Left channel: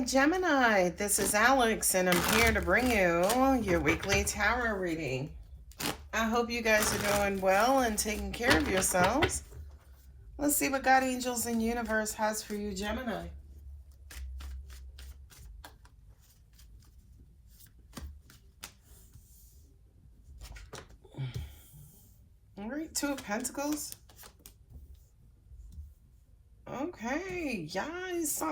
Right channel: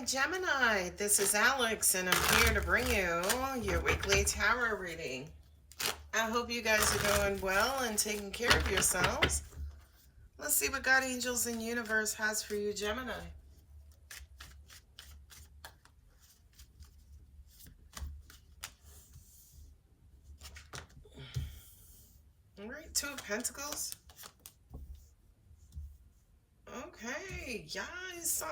Hi, Gemini. This is Alex, and I'm here to bring you your weekly tarot reading. I hope you guys are doing well and taking care of yourselves. Let's see what God, angels, and universe has for you, Gemini. All right, Two of Pentacles. Okay, yes.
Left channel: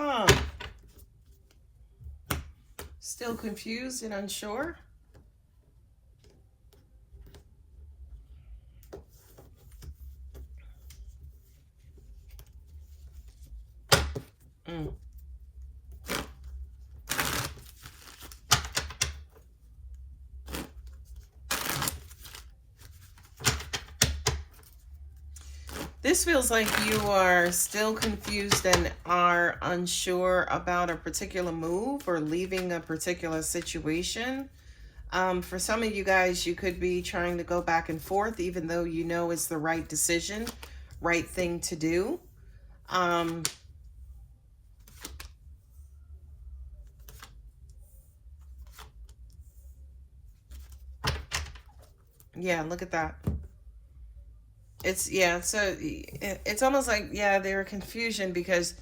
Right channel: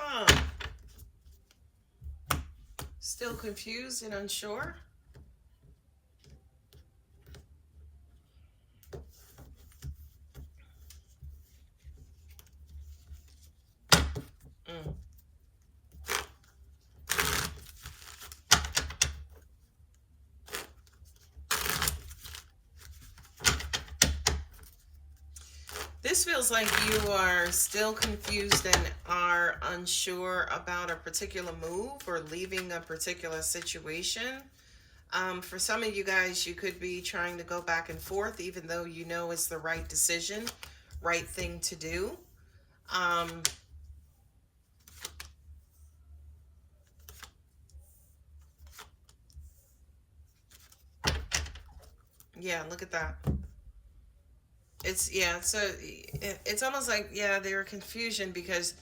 Still confused and unsure. This feels like you are still confused and are unsure about a particular move or leaving a particular situation. For some of you guys, you could be trying to go back and forth, even though you know it's the right decision, right thing to do. Yeah, look at that. It's almost like, yeah, there is confusion because,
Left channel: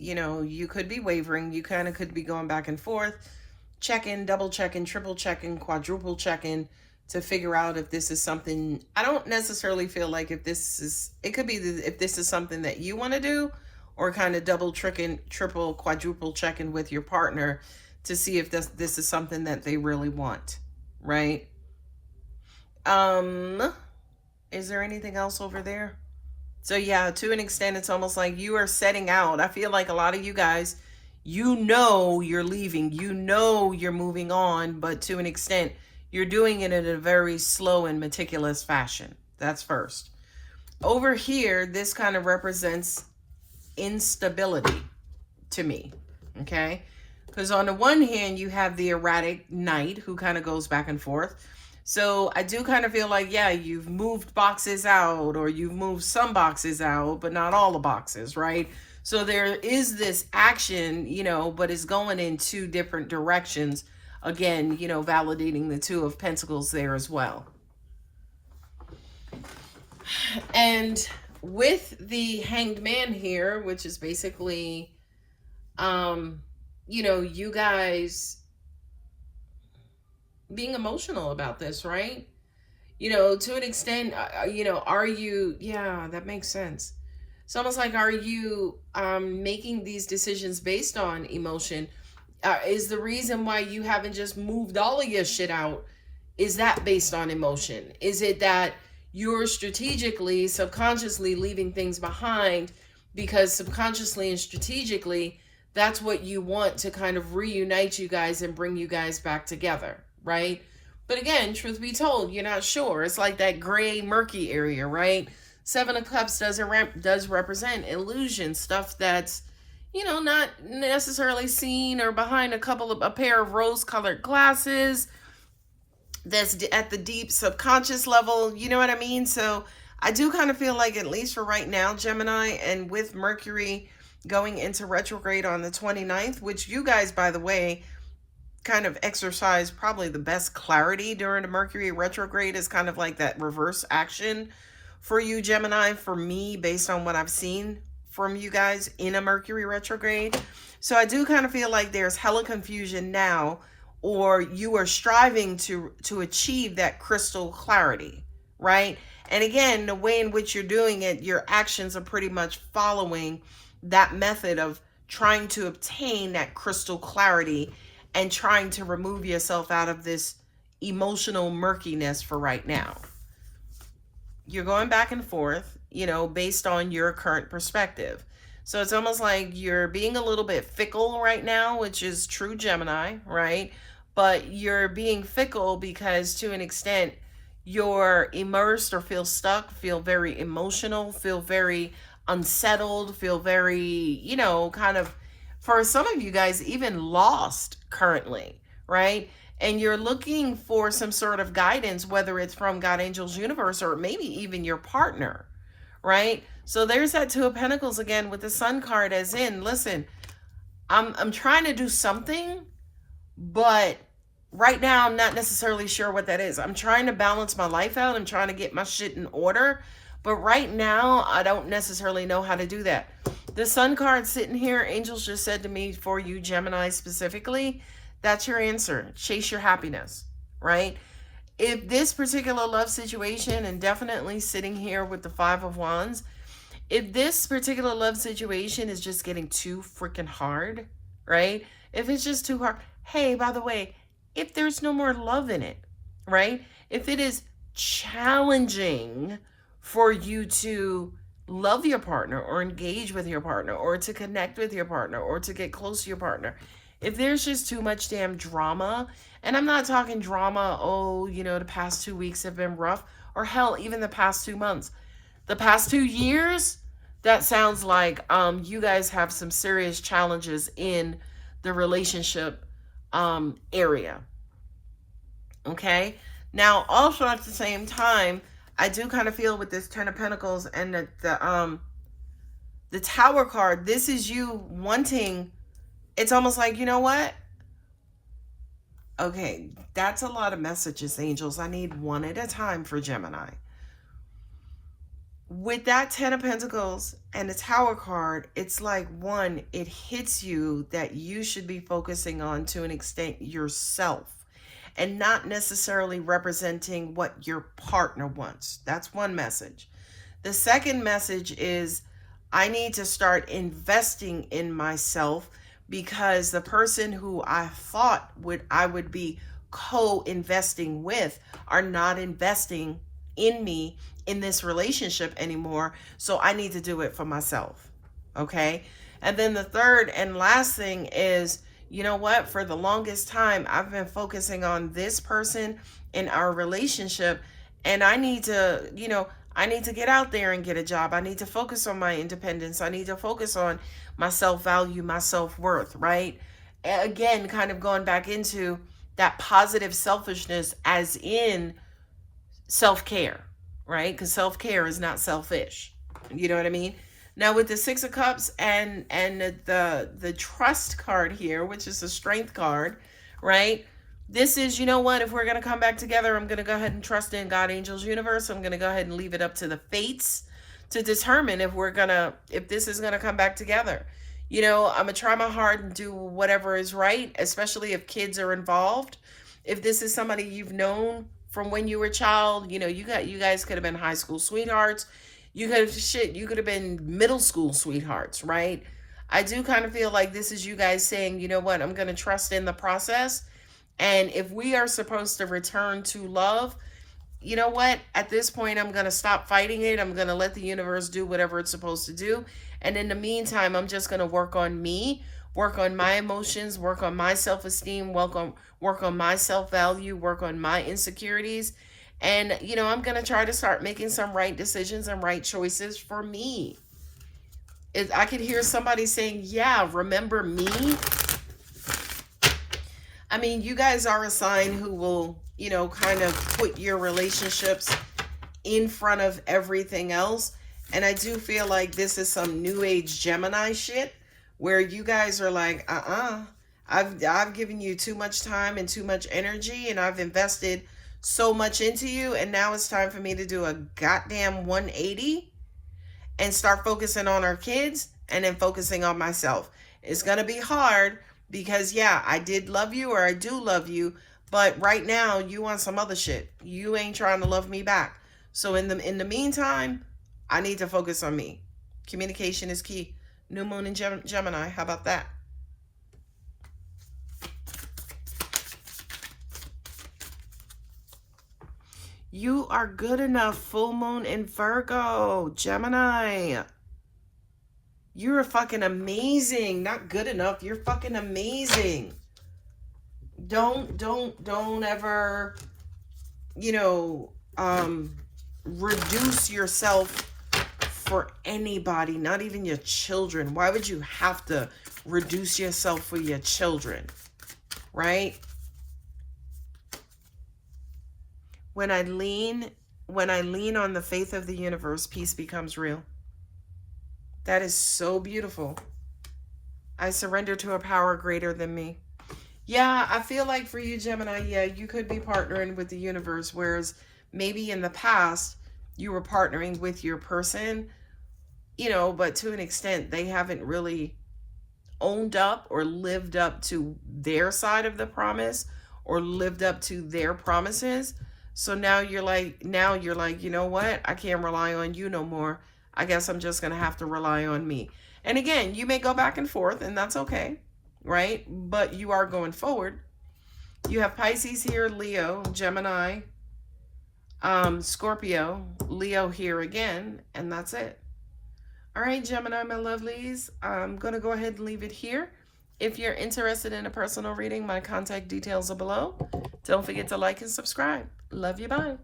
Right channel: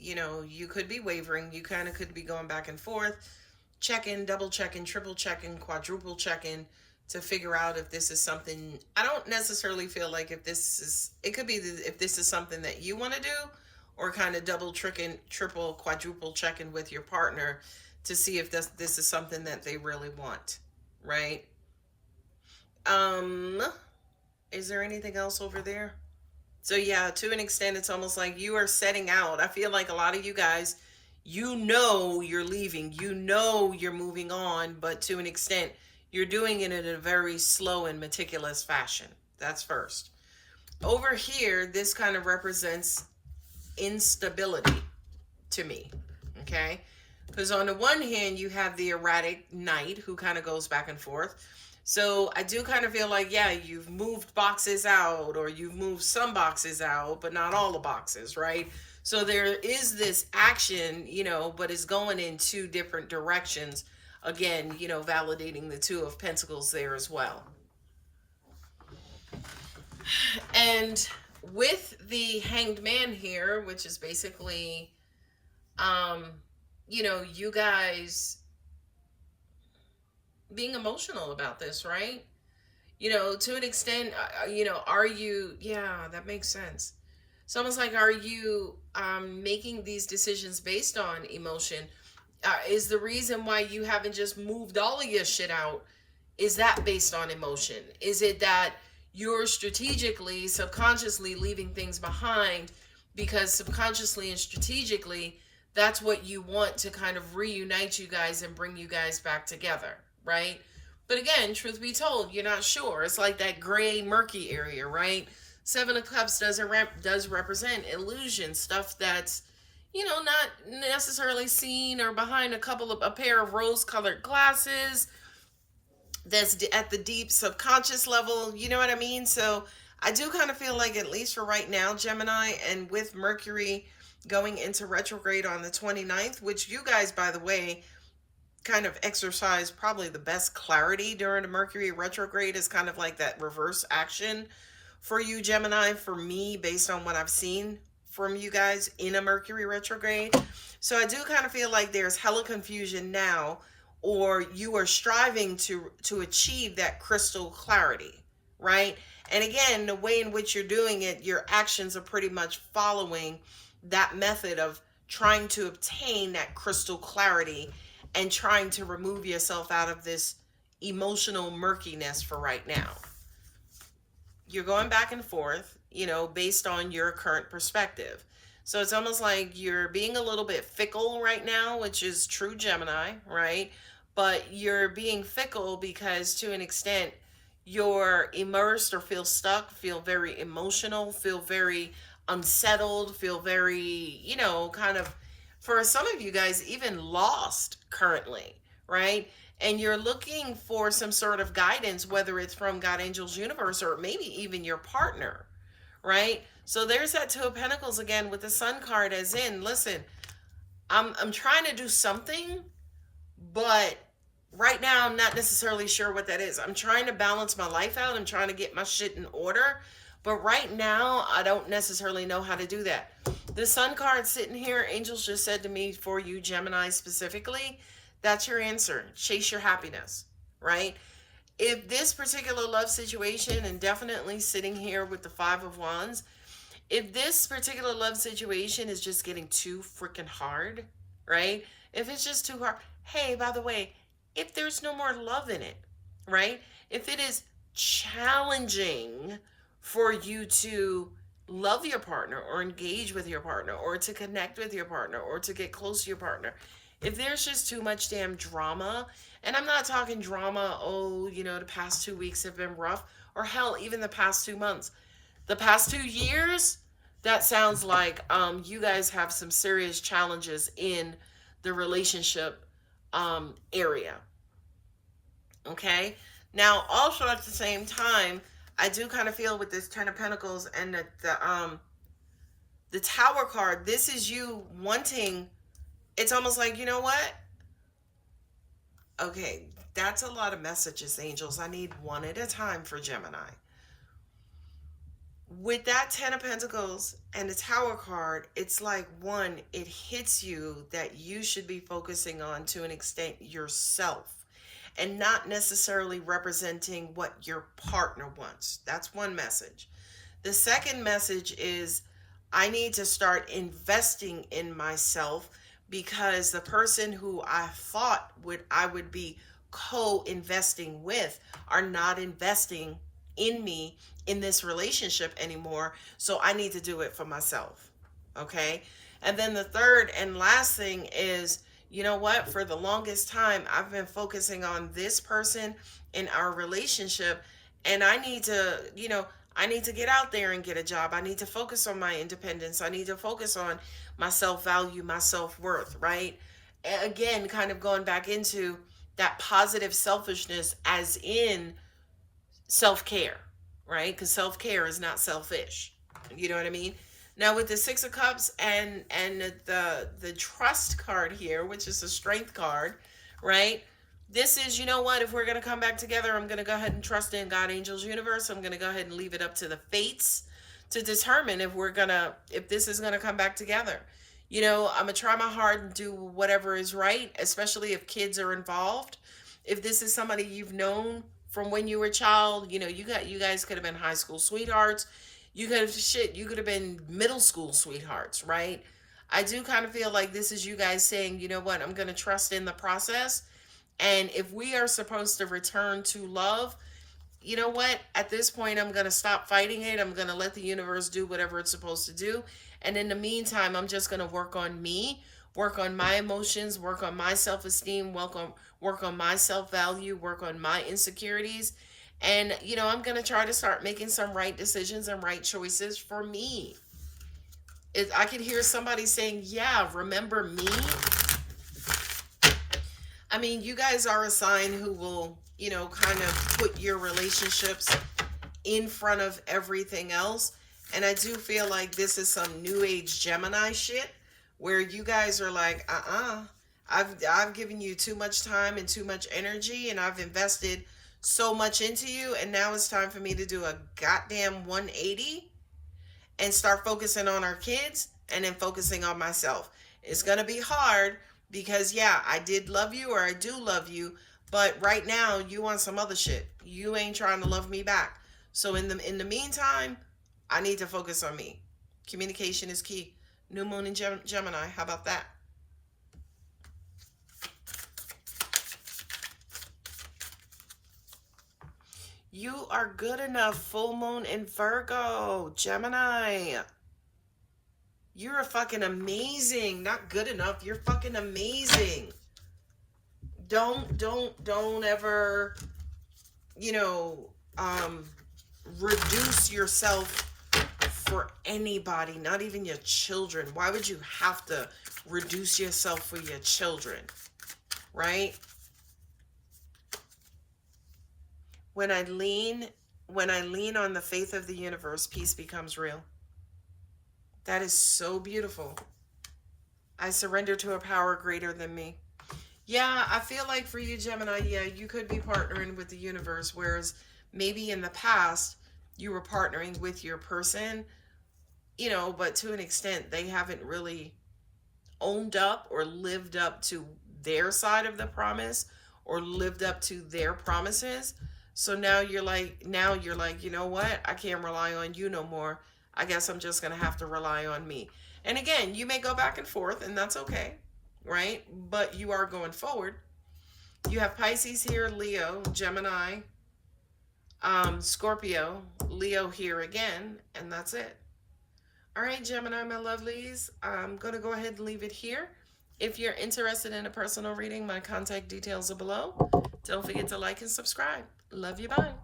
you know, you could be wavering. You kind of could be going back and forth, checking, double checking, triple checking, quadruple checking to figure out if this is something. I don't necessarily feel like it could be if this is something that you want to do, or kind of double checking, triple, quadruple checking with your partner to see if this is something that they really want, right? Is there anything else over there? So yeah, to an extent, it's almost like you are setting out. I feel like a lot of you guys, you know you're leaving, you know you're moving on, but to an extent, you're doing it in a very slow and meticulous fashion. That's first. Over here, this kind of represents instability to me, okay? Because on the one hand, you have the erratic knight who kind of goes back and forth. So I do kind of feel like, yeah, you've moved boxes out, or you've moved some boxes out, but not all the boxes, right? So there is this action, you know, but it's going in two different directions. Again, you know, validating the Two of Pentacles there as well. And with the Hanged Man here, which is basically, you know, you guys being emotional about this, right? You know, to an extent, you know, are you, yeah, that makes sense. It's almost like, are you making these decisions based on emotion? Is the reason why you haven't just moved all of your shit out, is that based on emotion? Is it that you're strategically, subconsciously leaving things behind because subconsciously and strategically, that's what you want to kind of reunite you guys and bring you guys back together, right? But again, truth be told, you're not sure. It's like that gray, murky area, right? Seven of Cups does represent illusion, stuff that's, you know, not necessarily seen, or behind a pair of rose-colored glasses, that's at the deep subconscious level, you know what I mean? So I do kind of feel like, at least for right now, Gemini, and with Mercury going into retrograde on the 29th, which you guys, by the way, kind of exercise probably the best clarity during the Mercury retrograde, is kind of like that reverse action for you, Gemini, for me, based on what I've seen from you guys in a Mercury retrograde. So I do kind of feel like there's hella confusion now, or you are striving to achieve that crystal clarity, right? And again, the way in which you're doing it, your actions are pretty much following that method of trying to obtain that crystal clarity and trying to remove yourself out of this emotional murkiness for right now. You're going back and forth, you know, based on your current perspective. So it's almost like you're being a little bit fickle right now, which is true Gemini, right? But you're being fickle because, to an extent, you're immersed or feel stuck, feel very emotional, feel very unsettled, feel very, you know, kind of, for some of you guys, even lost currently, right? And you're looking for some sort of guidance, whether it's from God, angels, universe, or maybe even your partner, right? So there's that Two of Pentacles again with the Sun card, as in, listen, I'm trying to do something, but right now I'm not necessarily sure what that is. I'm trying to balance my life out. I'm trying to get my shit in order. But right now, I don't necessarily know how to do that. The Sun card sitting here, angels just said to me, for you, Gemini specifically, that's your answer. Chase your happiness, right? If this particular love situation, and definitely sitting here with the Five of Wands, if this particular love situation is just getting too freaking hard, right? If it's just too hard, hey, by the way, if there's no more love in it, right? If it is challenging for you to love your partner or engage with your partner or to connect with your partner or to get close to your partner, if there's just too much damn drama, and I'm not talking drama, oh, you know, the past 2 weeks have been rough, or hell, even the past 2 months, the past 2 years, that sounds like you guys have some serious challenges in the relationship area. Okay? Now, also at the same time, I do kind of feel with this Ten of Pentacles and the Tower card, this is you wanting, it's almost like, you know what? Okay, that's a lot of messages, angels. I need one at a time for Gemini. With that Ten of Pentacles and the Tower card, it's like, one, it hits you that you should be focusing on, to an extent, yourself, and not necessarily representing what your partner wants. That's one message. The second message is, I need to start investing in myself, because the person who I thought I would be co-investing with are not investing in me in this relationship anymore. So I need to do it for myself. Okay? And then the third and last thing is, you know what? For the longest time, I've been focusing on this person in our relationship, and I need to, you know, I need to get out there and get a job. I need to focus on my independence. I need to focus on my self-value, my self-worth, right? Again, kind of going back into that positive selfishness, as in self-care, right? Because self-care is not selfish. You know what I mean? Now with the Six of Cups and the Trust card here, which is the Strength card, right? This is, you know what, if we're going to come back together, I'm going to go ahead and trust in God, angels, universe. I'm going to go ahead and leave it up to the fates to determine if this is going to come back together. You know, I'm going to try my hard and do whatever is right, especially if kids are involved. If this is somebody you've known from when you were a child, you know, you guys could have been high school sweethearts. You could have been middle school sweethearts, right? I do kind of feel like this is you guys saying, you know what, I'm going to trust in the process. And if we are supposed to return to love, you know what, at this point, I'm going to stop fighting it. I'm going to let the universe do whatever it's supposed to do. And in the meantime, I'm just going to work on me, work on my emotions, work on my self-esteem, work on my self-value, work on my insecurities. And, you know, I'm going to try to start making some right decisions and right choices for me. If I can hear somebody saying, yeah, remember me? I mean, you guys are a sign who will, you know, kind of put your relationships in front of everything else. And I do feel like this is some new age Gemini shit where you guys are like, I've given you too much time and too much energy, and I've invested so much into you, and now it's time for me to do a goddamn 180 and start focusing on our kids and then focusing on myself. It's going to be hard because, yeah, I did love you, or I do love you, but right now you want some other shit. You ain't trying to love me back. So in the meantime, I need to focus on me. Communication is key. New moon in Gemini. How about that? You are good enough. Full moon in Virgo. Gemini. You're fucking amazing. Not good enough. You're fucking amazing. Don't ever, you know, reduce yourself for anybody, not even your children. Why would you have to reduce yourself for your children, right? When I lean on the faith of the universe, peace becomes real. That is so beautiful. I surrender to a power greater than me. Yeah, I feel like for you, Gemini, yeah, you could be partnering with the universe, whereas maybe in the past you were partnering with your person, but to an extent they haven't really owned up or lived up to their side of the promise or lived up to their promises. So now you're like, you know what? I can't rely on you no more. I guess I'm just going to have to rely on me. And again, you may go back and forth, and that's okay, right? But you are going forward. You have Pisces here, Leo, Gemini, Scorpio, Leo here again, and that's it. All right, Gemini, my lovelies, I'm going to go ahead and leave it here. If you're interested in a personal reading, my contact details are below. Don't forget to like and subscribe. Love you, bye.